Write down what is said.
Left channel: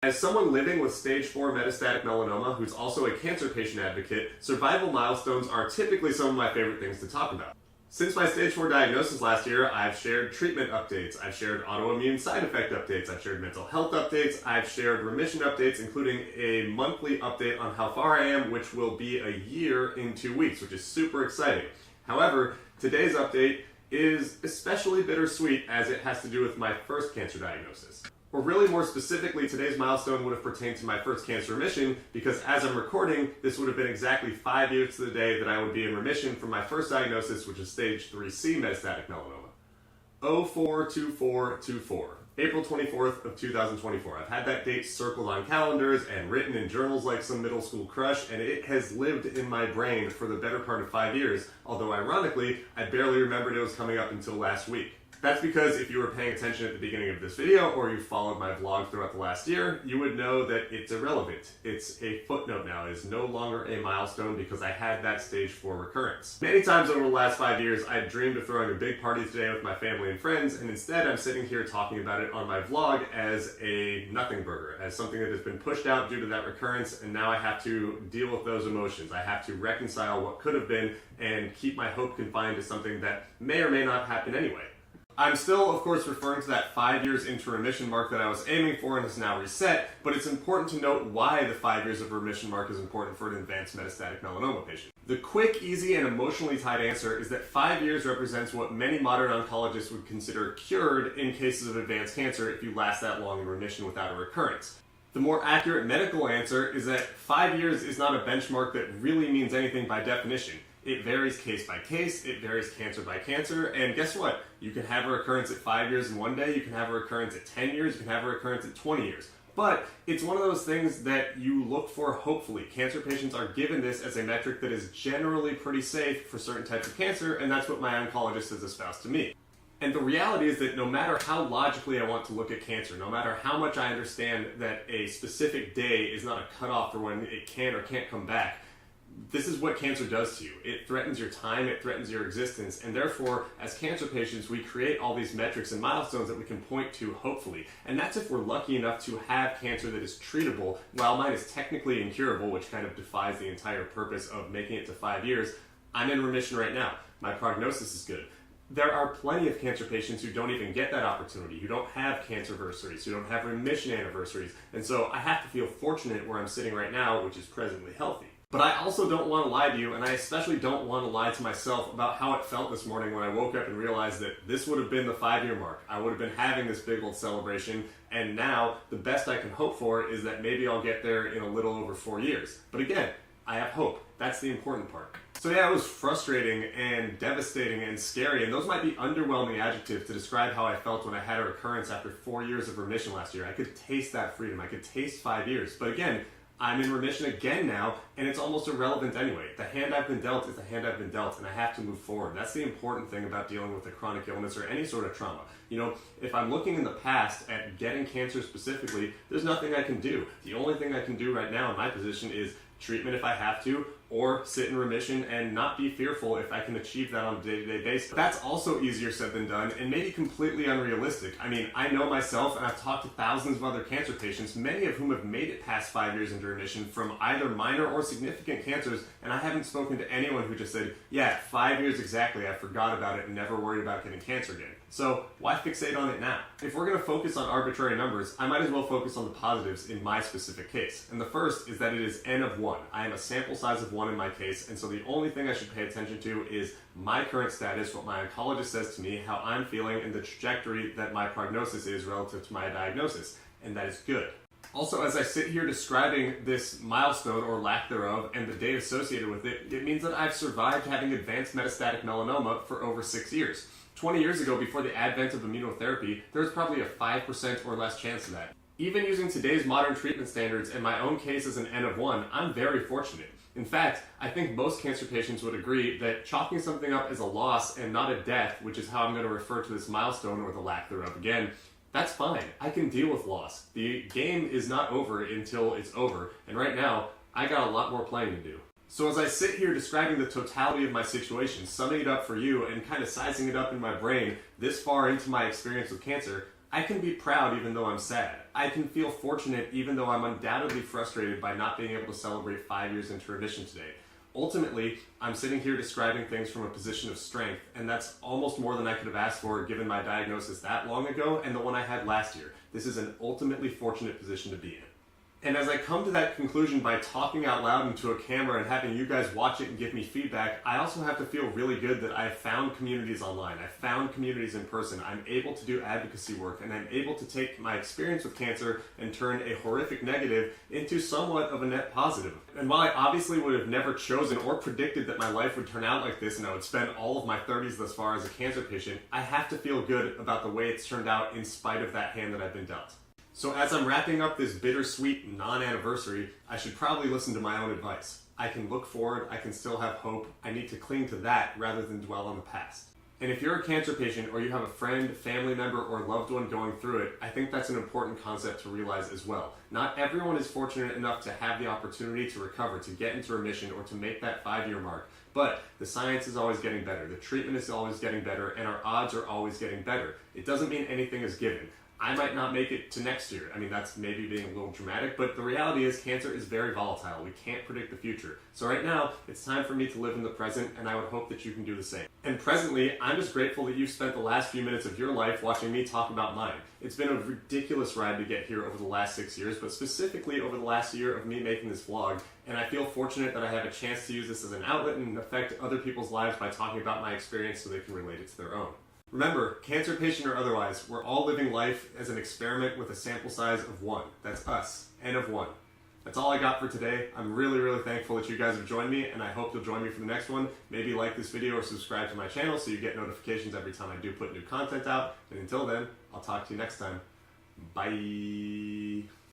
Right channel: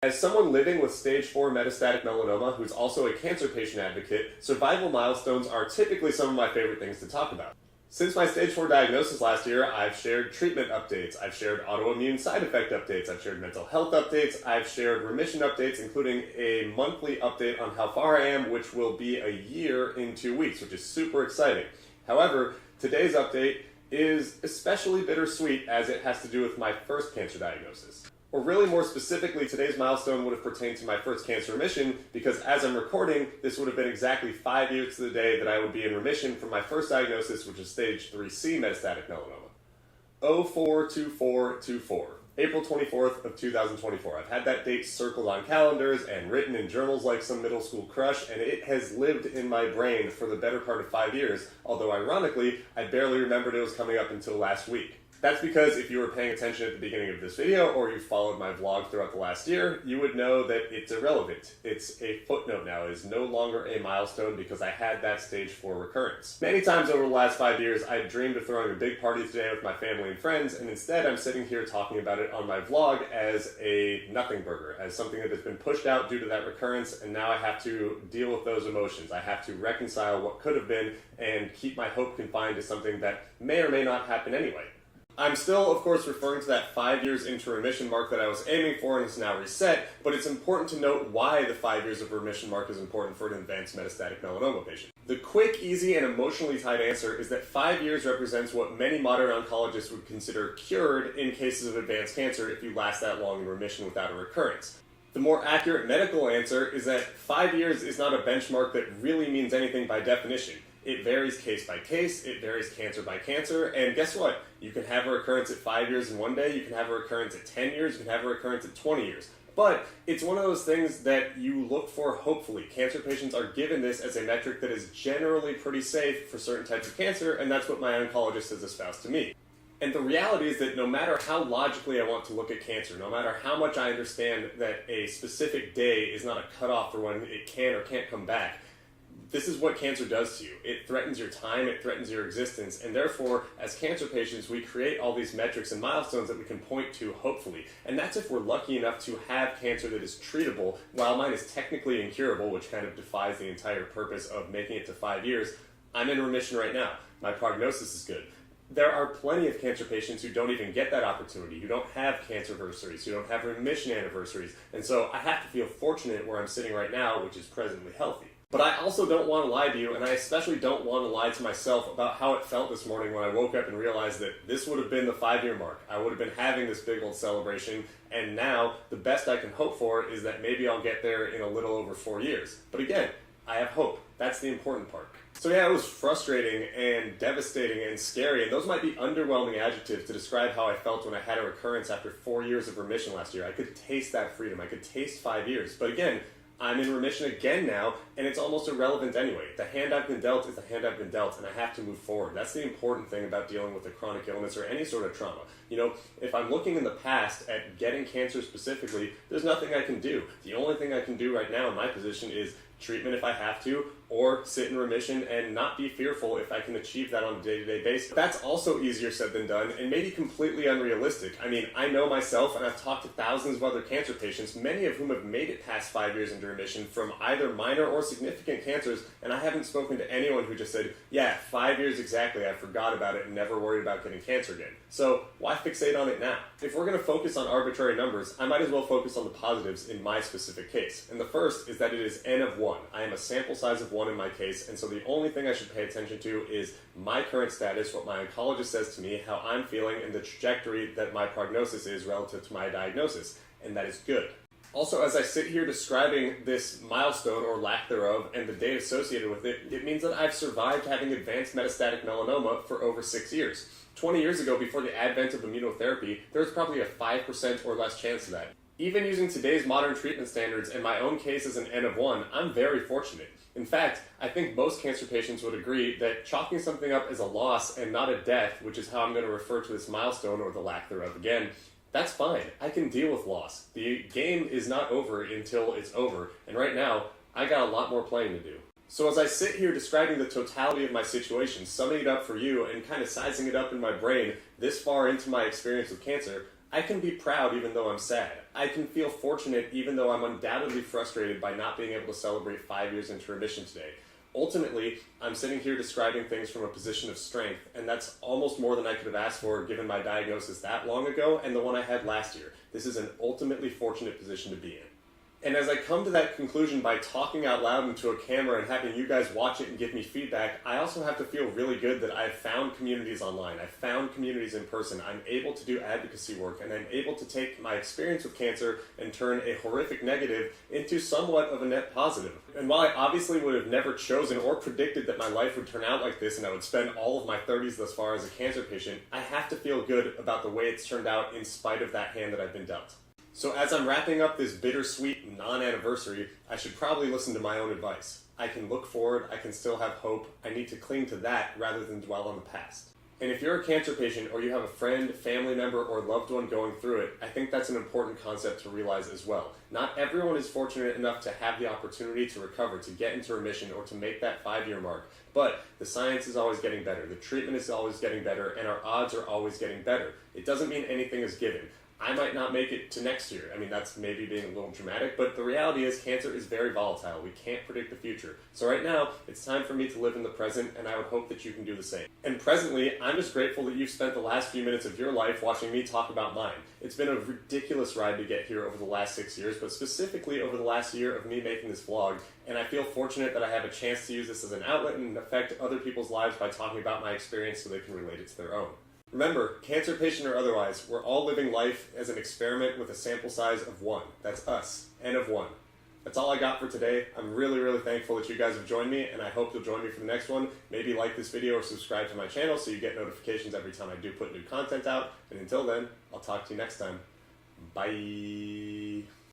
As someone living with stage 4 metastatic melanoma who's also a cancer patient advocate, survival milestones are typically some of my favorite things to talk about. Since my stage 4 diagnosis last year, I've shared treatment updates, I've shared autoimmune side effect updates, I've shared mental health updates, I've shared remission updates, including a monthly update on how far I am, which will be a year in 2 weeks, which is super exciting. However, today's update is especially bittersweet as it has to do with my first cancer diagnosis. Or really more specifically, today's milestone would have pertained to my first cancer remission because as I'm recording, this would have been exactly 5 years to the day that I would be in remission from my first diagnosis, which is stage 3C metastatic melanoma. 042424, April 24th of 2024. I've had that date circled on calendars and written in journals like some middle school crush, and it has lived in my brain for the better part of 5 years, although ironically, I barely remembered it was coming up until last week. That's because if you were paying attention at the beginning of this video or you followed my vlog throughout the last year, you would know that it's irrelevant. It's a footnote now. It is no longer a milestone because I had that stage 4 recurrence. Many times over the last 5 years, I dreamed of throwing a big party today with my family and friends, and instead I'm sitting here talking about it on my vlog as a nothing burger, as something that has been pushed out due to that recurrence, and now I have to deal with those emotions. I have to reconcile what could have been and keep my hope confined to something that may or may not happen anyway. I'm still, of course, referring to that 5 years into remission mark that I was aiming for and is now reset, but it's important to note why the 5 years of remission mark is important for an advanced metastatic melanoma patient. The quick, easy, and emotionally tied answer is that 5 years represents what many modern oncologists would consider cured in cases of advanced cancer if you last that long in remission without a recurrence. The more accurate medical answer is that 5 years is not a benchmark that really means anything by definition. It varies case by case, it varies cancer by cancer, and guess what? You can have a recurrence at 5 years in one day, you can have a recurrence at 10 years, you can have a recurrence at 20 years. But it's one of those things that you look for hopefully. Cancer patients are given this as a metric that is generally pretty safe for certain types of cancer, and that's what my oncologist has espoused to me. And the reality is that no matter how logically I want to look at cancer, no matter how much I understand that a specific day is not a cutoff for when it can or can't come back, this is what cancer does to you. It threatens your time, it threatens your existence, and therefore, as cancer patients, we create all these metrics and milestones that we can point to, hopefully. And that's if we're lucky enough to have cancer that is treatable. While mine is technically incurable, which kind of defies the entire purpose of making it to 5 years, I'm in remission right now. My prognosis is good. There are plenty of cancer patients who don't even get that opportunity, who don't have cancerversaries, who don't have remission anniversaries, and so I have to feel fortunate where I'm sitting right now, which is presently healthy. But I also don't want to lie to you, and I especially don't want to lie to myself about how it felt this morning when I woke up and realized that this would have been the 5-year mark. I would have been having this big old celebration, and now the best I can hope for is that maybe I'll get there in a little over 4 years. But again, I have hope. That's the important part. So yeah, it was frustrating and devastating and scary, and those might be underwhelming adjectives to describe how I felt when I had a recurrence after 4 years of remission last year. I could taste that freedom. I could taste 5 years. But again, I'm in remission again now, and it's almost irrelevant anyway. The hand I've been dealt is the hand I've been dealt, and I have to move forward. That's the important thing about dealing with a chronic illness or any sort of trauma. You know, if I'm looking in the past at getting cancer specifically, there's nothing I can do. The only thing I can do right now in my position is treatment if I have to, or sit in remission and not be fearful if I can achieve that on a day-to-day basis. That's also easier said than done, and maybe completely unrealistic. I mean, I know myself, and I've talked to thousands of other cancer patients, many of whom have made it past 5 years into remission from either minor or significant cancers, and I haven't spoken to anyone who just said, yeah, 5 years exactly, I forgot about it and never worried about getting cancer again. So why fixate on it now? If we're going to focus on arbitrary numbers, I might as well focus on the positives in my specific case. And the first is that it is N of 1. I am a sample size of 1 in my case, and so the only thing I should pay attention to is my current status, what my oncologist says to me, how I'm feeling, and the trajectory that my prognosis is relative to my diagnosis, and that is good. Also, as I sit here describing this milestone or lack thereof and the date associated with it, it means that I've survived having advanced metastatic melanoma for over 6 years. 20 years ago, before the advent of immunotherapy, there was probably a 5% or less chance of that. Even using today's modern treatment standards and my own case as an N of 1, I'm very fortunate. In fact, I think most cancer patients would agree that chalking something up as a loss and not a death, which is how I'm going to refer to this milestone or the lack thereof again, that's fine. I can deal with loss. The game is not over until it's over, and right now, I got a lot more playing to do. So as I sit here describing the totality of my situation, summing it up for you and kind of sizing it up in my brain this far into my experience with cancer, I can be proud even though I'm sad. I can feel fortunate even though I'm undoubtedly frustrated by not being able to celebrate 5 years into remission today. Ultimately, I'm sitting here describing things from a position of strength, and that's almost more than I could have asked for given my diagnosis that long ago and the one I had last year. This is an ultimately fortunate position to be in. And as I come to that conclusion by talking out loud into a camera and having you guys watch it and give me feedback, I also have to feel really good that I've found communities online. I've found communities in person. I'm able to do advocacy work, and I'm able to take my experience with cancer and turn a horrific negative into somewhat of a net positive. And while I obviously would have never chosen or predicted that my life would turn out like this and I would spend all of my 30s thus far as a cancer patient, I have to feel good about the way it's turned out in spite of that hand that I've been dealt. So as I'm wrapping up this bittersweet non-anniversary, I should probably listen to my own advice. I can look forward, I can still have hope, I need to cling to that rather than dwell on the past. And if you're a cancer patient or you have a friend, family member, or loved one going through it, I think that's an important concept to realize as well. Not everyone is fortunate enough to have the opportunity to recover, to get into remission, or to make that 5-year mark. But the science is always getting better, the treatment is always getting better, and our odds are always getting better. It doesn't mean anything is given. I might not make it to next year. I mean, that's maybe being a little dramatic, but the reality is cancer is very volatile. We can't predict the future. So right now, it's time for me to live in the present, and I would hope that you can do the same. And presently, I'm just grateful that you've spent the last few minutes of your life watching me talk about mine. It's been a ridiculous ride to get here over the last 6 years, but specifically over the last year of me making this vlog, and I feel fortunate that I have a chance to use this as an outlet and affect other people's lives by talking about my experience so they can relate it to their own. Remember, cancer patient or otherwise, we're all living life as an experiment with a sample size of 1. That's us, N of 1. That's all I got for today. I'm really, really thankful that you guys have joined me, and I hope you'll join me for the next one. Maybe like this video or subscribe to my channel so you get notifications every time I do put new content out. And until then, I'll talk to you next time. Bye.